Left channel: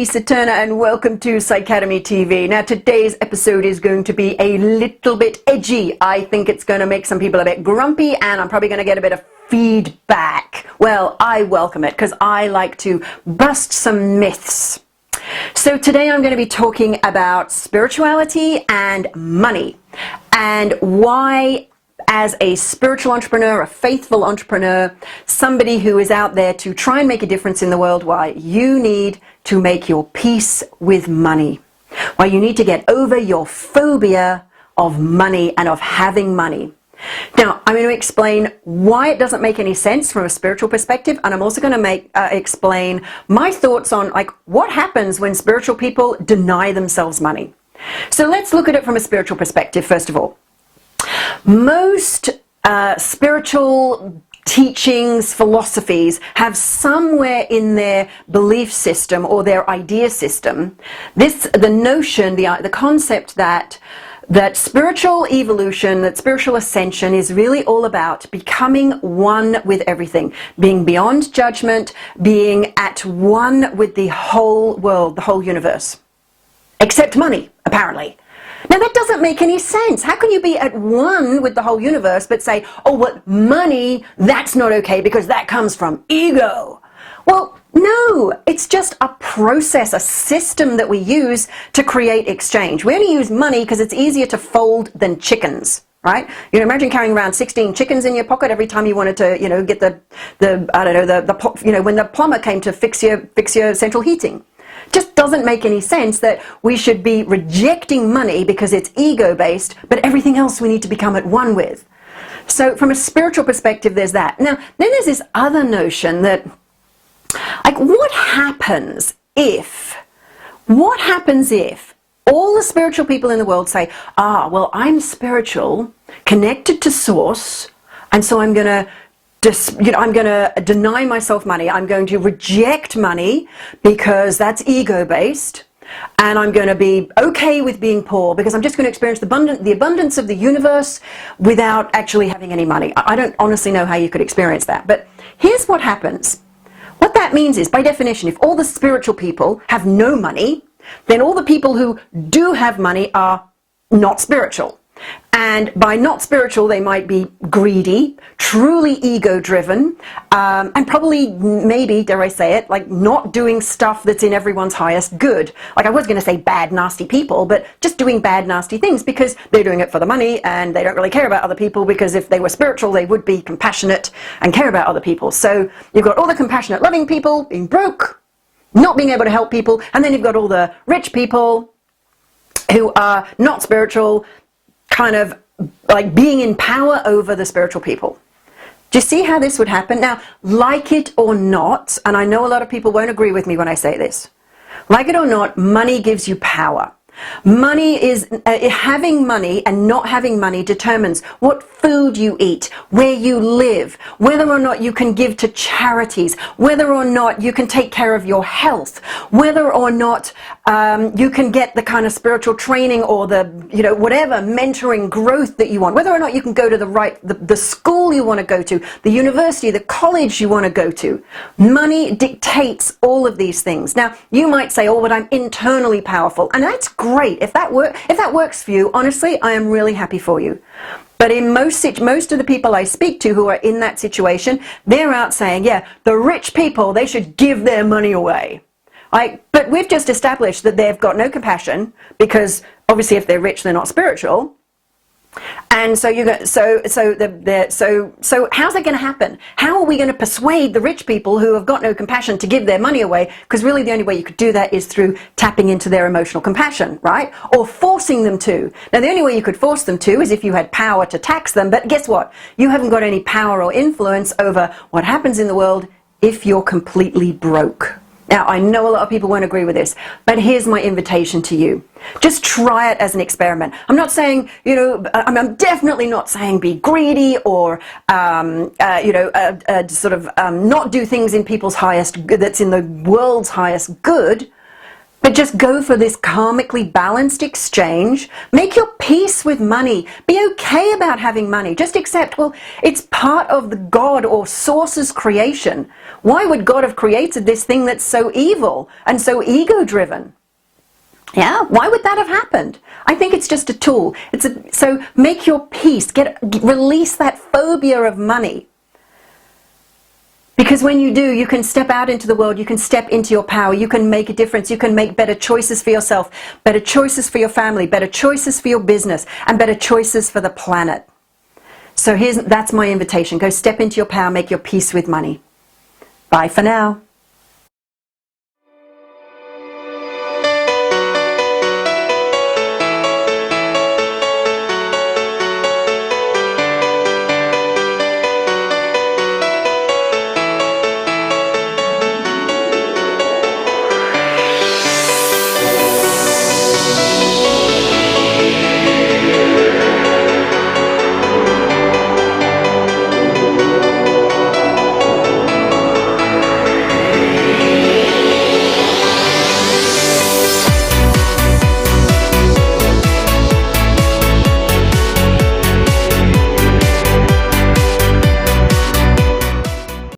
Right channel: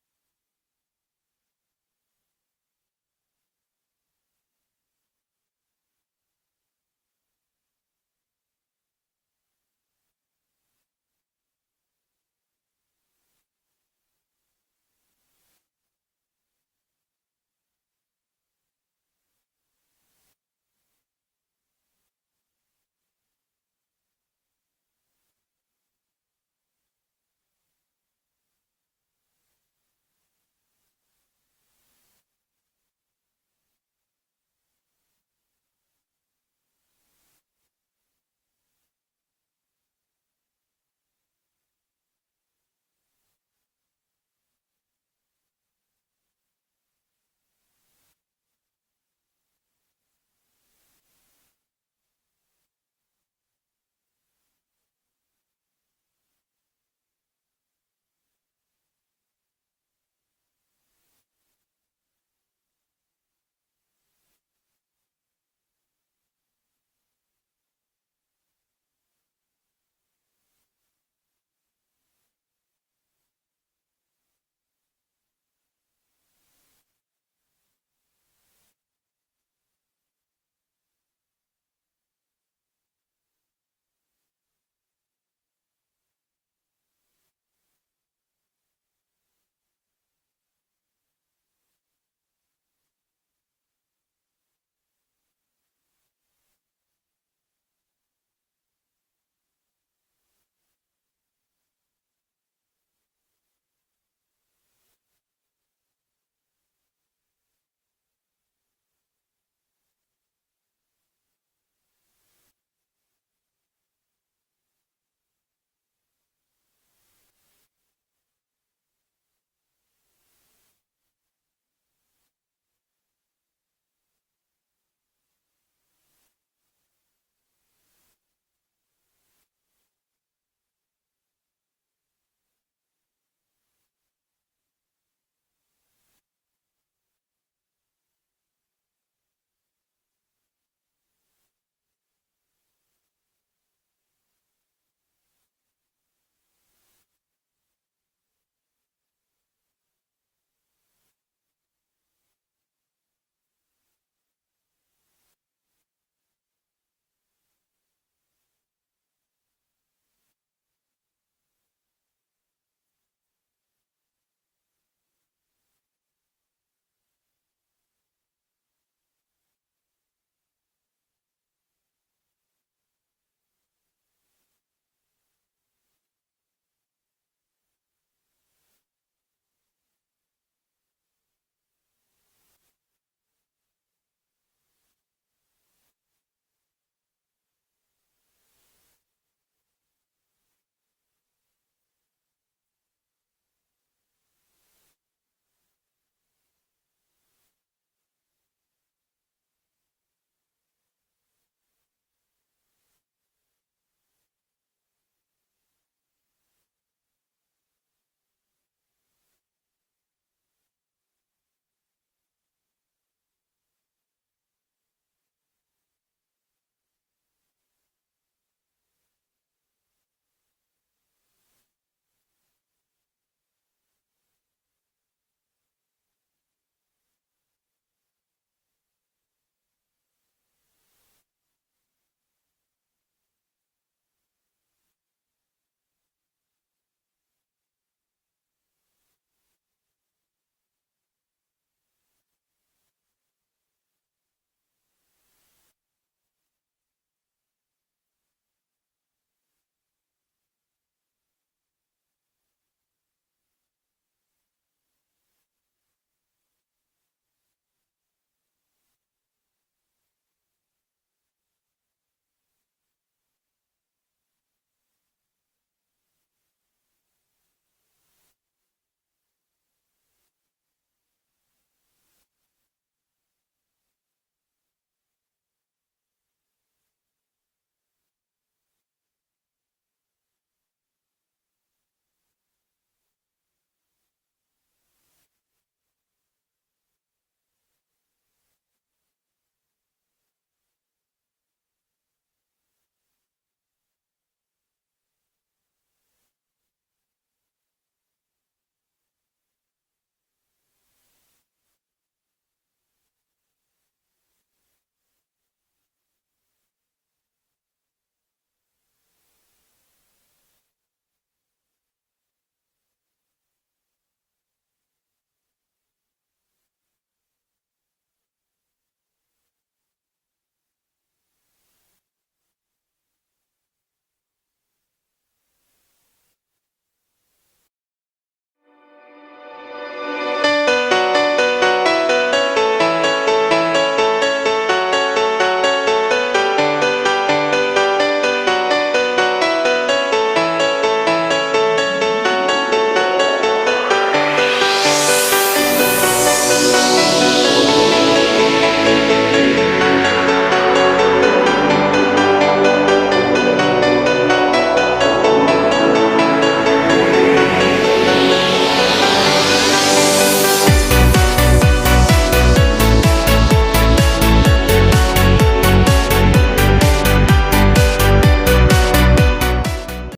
Lisa Turner and welcome to PsyTV TV. Now today's episode is going to be a little bit edgy. I think it's going to make some people a bit grumpy and I'm probably going to get a bit of feedback. Well, I welcome it because I like to bust some myths. So today I'm going to be talking about spirituality and money and why, as a spiritual entrepreneur, a faithful entrepreneur, somebody who is out there to try and make a difference in the world, why you need to make your peace with money. Why you need to get over your phobia of money and of having money. Now, I'm going to explain why it doesn't make any sense from a spiritual perspective, and I'm also going to explain my thoughts on what happens when spiritual people deny themselves money. So let's look at it from a spiritual perspective, first of all. Most spiritual teachings, philosophies have somewhere in their belief system or their idea system the notion, the concept that spiritual evolution, that spiritual ascension is really all about becoming one with everything, being beyond judgment, being at one with the whole world, the whole universe, except money, apparently. Now that doesn't make any sense. How can you be at one with the whole universe but say, oh, what money, that's not okay because that comes from ego? Well, no, it's just a process, a system that we use to create exchange. We only use money because it's easier to fold than chickens, right? Imagine carrying around 16 chickens in your pocket every time you wanted to, get when the plumber came to fix your central heating. Just doesn't make any sense that we should be rejecting money because it's ego-based, but everything else we need to become at one with. So from a spiritual perspective, there's that. Now, then there's this other notion that, what happens if all the spiritual people in the world say, well, I'm spiritual, connected to source, and so I'm going to deny myself money. I'm going to reject money because that's ego-based, and I'm going to be okay with being poor because I'm just going to experience the abundance of the universe without actually having any money. I don't honestly know how you could experience that, but here's what happens. What that means is, by definition, if all the spiritual people have no money, then all the people who do have money are not spiritual. And by not spiritual, they might be greedy, truly ego-driven, and probably, maybe, dare I say it, not doing stuff that's in everyone's highest good. I was going to say bad, nasty people, but just doing bad, nasty things because they're doing it for the money and they don't really care about other people, because if they were spiritual, they would be compassionate and care about other people. So you've got all the compassionate, loving people being broke, not being able to help people, and then you've got all the rich people who are not spiritual, kind of being in power over the spiritual people. Do you see how this would happen? Now, like it or not, and I know a lot of people won't agree with me when I say this, like it or not, money gives you power. Money is, having money and not having money determines what food you eat, where you live, whether or not you can give to charities, whether or not you can take care of your health, whether or not you can get the kind of spiritual training or the, whatever mentoring growth that you want, whether or not you can go to the school you want to go to, the university, the college you want to go to. Money dictates all of these things. Now, you might say, oh, but I'm internally powerful, and that's great. If that works for you, honestly, I am really happy for you. But in most of the people I speak to who are in that situation, they're out saying, yeah, the rich people, they should give their money away. But we've just established that they've got no compassion because obviously if they're rich, they're not spiritual. And so how's that going to happen? How are we going to persuade the rich people who have got no compassion to give their money away? Because really the only way you could do that is through tapping into their emotional compassion, right? Or forcing them to. Now the only way you could force them to is if you had power to tax them, but guess what? You haven't got any power or influence over what happens in the world if you're completely broke. Now, I know a lot of people won't agree with this, but here's my invitation to you. Just try it as an experiment. I'm not saying, I'm definitely not saying be greedy or, not do things in people's highest good, that's in the world's highest good. But just go for this karmically balanced exchange. Make your peace with money. Be okay about having money. Just accept, well, it's part of the God or source's creation. Why would God have created this thing that's so evil and so ego-driven? Yeah, why would that have happened? I think it's just a tool. So make your peace. Release that phobia of money. Because when you do, you can step out into the world, you can step into your power, you can make a difference, you can make better choices for yourself, better choices for your family, better choices for your business, and better choices for the planet. So that's my invitation. Go step into your power, make your peace with money. Bye for now.